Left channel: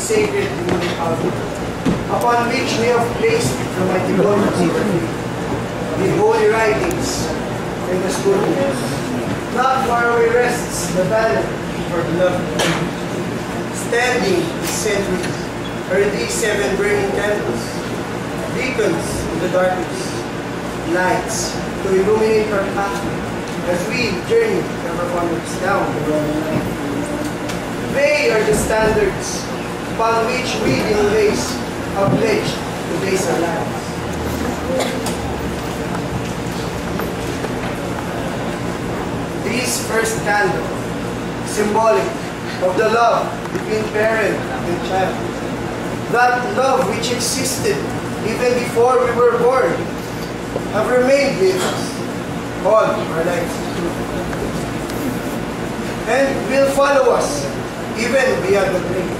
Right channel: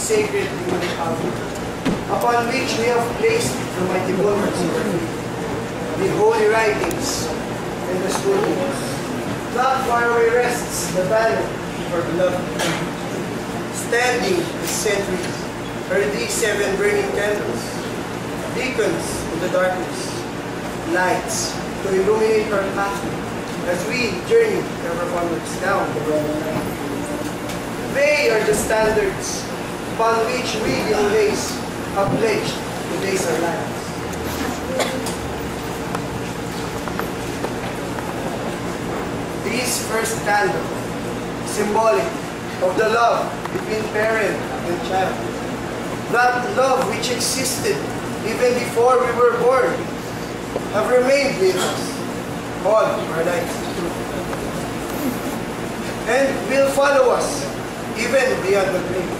sacred human altar, upon which we have placed the mighty bulwarks of our faith, the holy writings and the scriptures. Not far away rests the banner of our beloved King. Standing is centuries are these 7 burning candles, beacons in the darkness, lights to illuminate our pathway as we journey ever onwards down the road of life. They are the standards upon which we in ways have pledged to base our lives. This first candle, symbolic of the love between parent and child, that love which existed even before we were born, have remained with us all our lives, and will follow us even beyond the grave.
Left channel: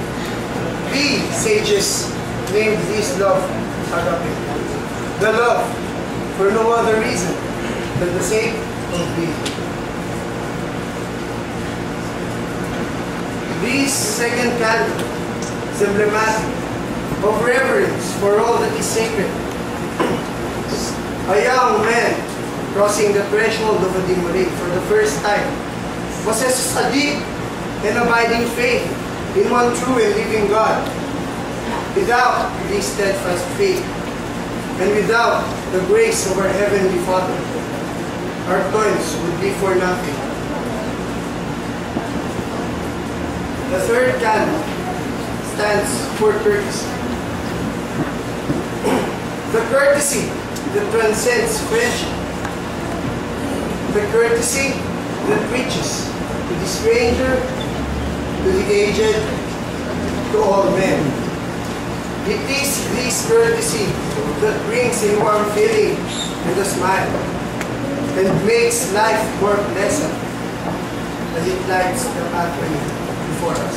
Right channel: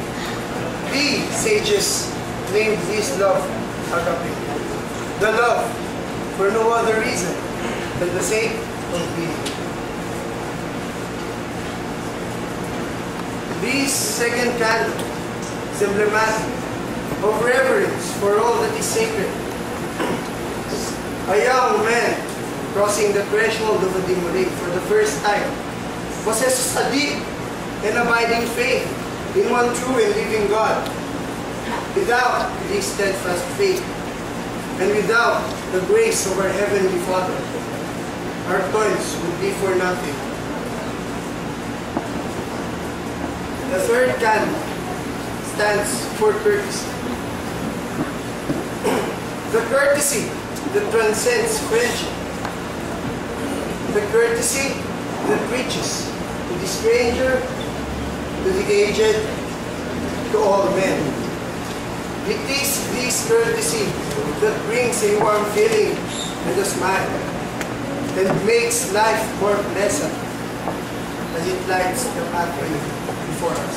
We sages named this love agape, the love for no other reason than the sake of being. This second candle is emblematic of reverence for all that is sacred. A young man crossing the threshold of a dimole for the first time possesses a deep and abiding faith in one true and living God. Without this steadfast faith and without the grace of our Heavenly Father, our toils would be for nothing. The third candle stands for courtesy. The courtesy that transcends friendship. The courtesy that reaches to the stranger, to the aged, to all men. It is this courtesy that brings a warm feeling and a smile and makes life more pleasant as it lights the pathway before us.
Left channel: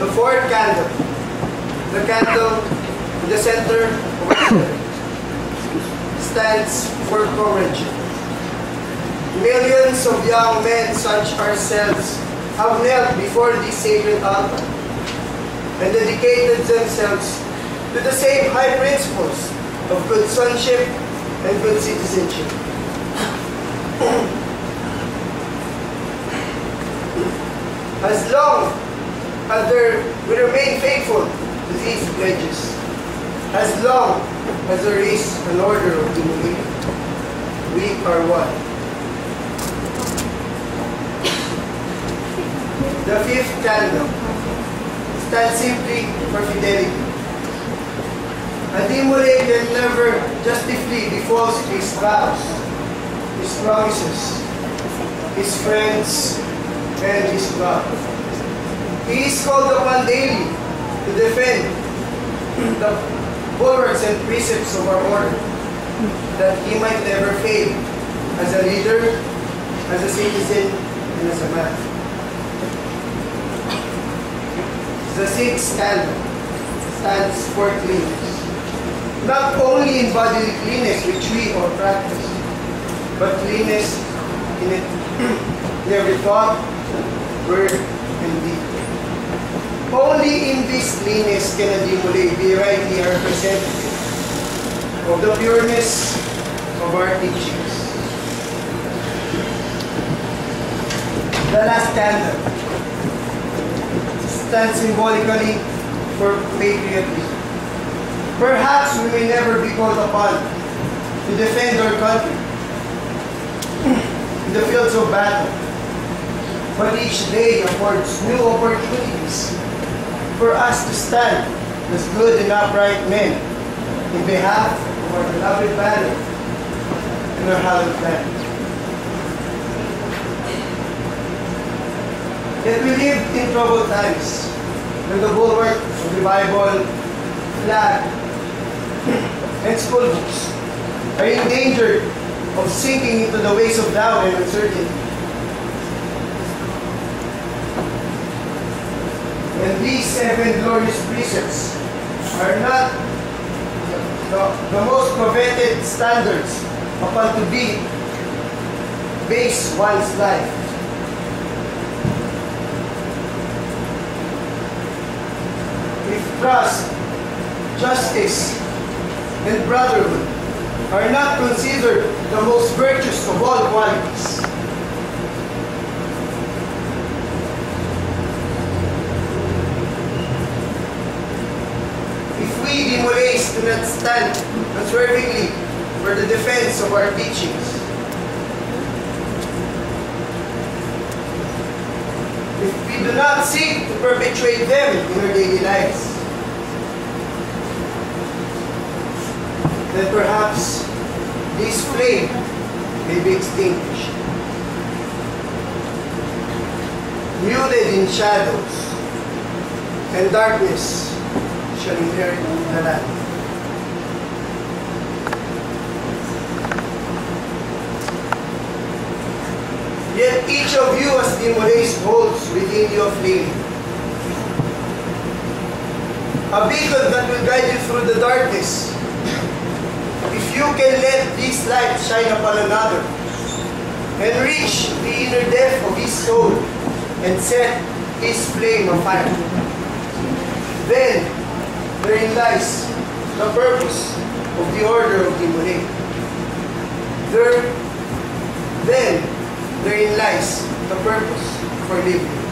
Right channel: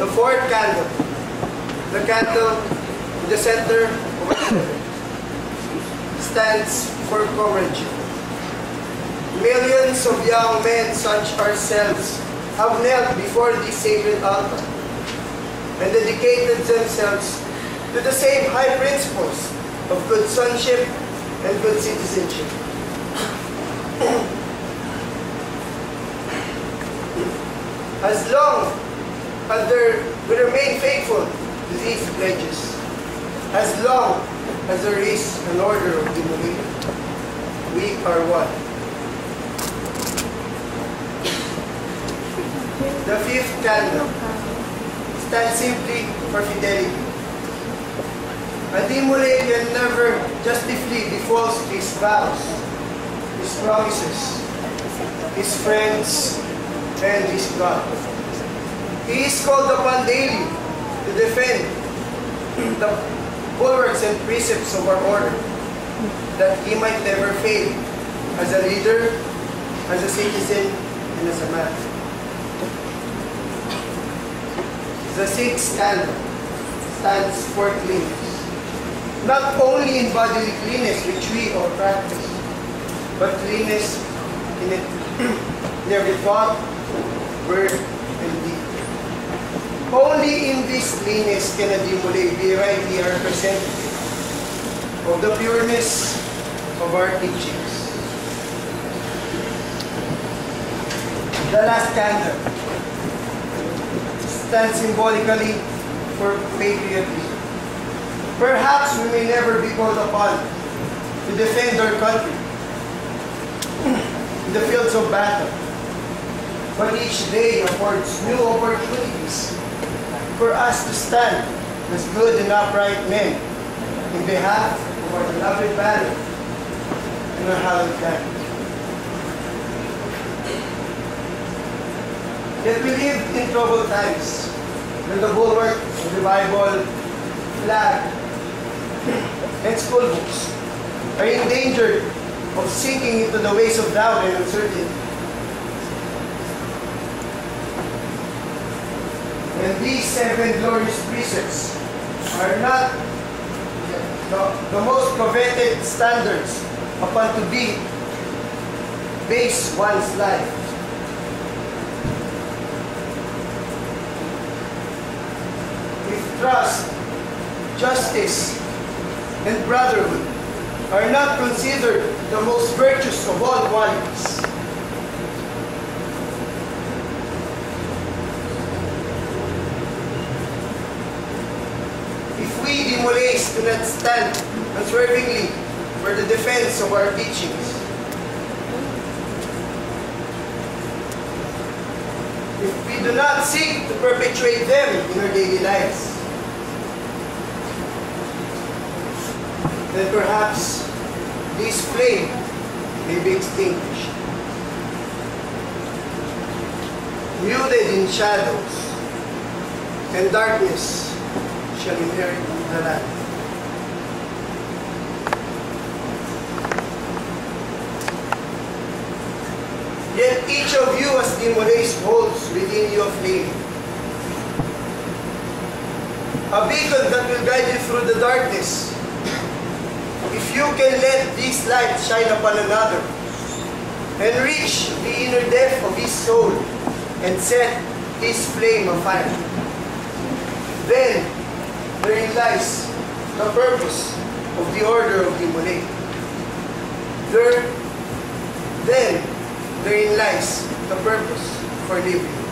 The fourth candle, the candle in the center of our center, stands for comradeship. Millions of young men such ourselves have knelt before this sacred altar and dedicated themselves to the same high principles of good sonship and good citizenship. As long as we remain faithful to these pledges, as long as there is an order of dimole, we are one. The fifth candle stands simply for fidelity. A dimole can never justify the false his vows, his promises, his friends, and his God. He is called upon daily to defend the bulwarks and precepts of our order, that he might never fail as a leader, as a citizen, and as a man. The sixth candle stands for cleanness. Not only in bodily cleanness, which we all practice, but cleanness in every thought, word, and deed. Only in this cleanness can a dimole be rightly a representative of the pureness of our teachings. The last candle stands symbolically for patriotism. Perhaps we may never be called upon to defend our country in the fields of battle, but each day affords new opportunities for us to stand as good and upright men in behalf of our beloved banner and our hallowed land. Yet we live in troubled times when the bulwark of the Bible, flag, and school books are in danger of sinking into the ways of doubt and uncertainty. And these 7 glorious precepts are not the most coveted standards upon to be base one's life. trust, justice, and brotherhood are not considered the most virtuous of all qualities. If we Demolays do not stand unswervingly for the defense of our teachings, if we do not seek to perpetuate them in our daily lives, then perhaps this flame may be extinguished. Muted in shadows, and darkness shall inherit the land. Yet each of you as Demolays holds within you a flame, a beacon that will guide you through the darkness. If you can let this light shine upon another and reach the inner depth of his soul and set his flame afire, then therein lies the purpose of the order of Demolay. Then therein lies the purpose for living.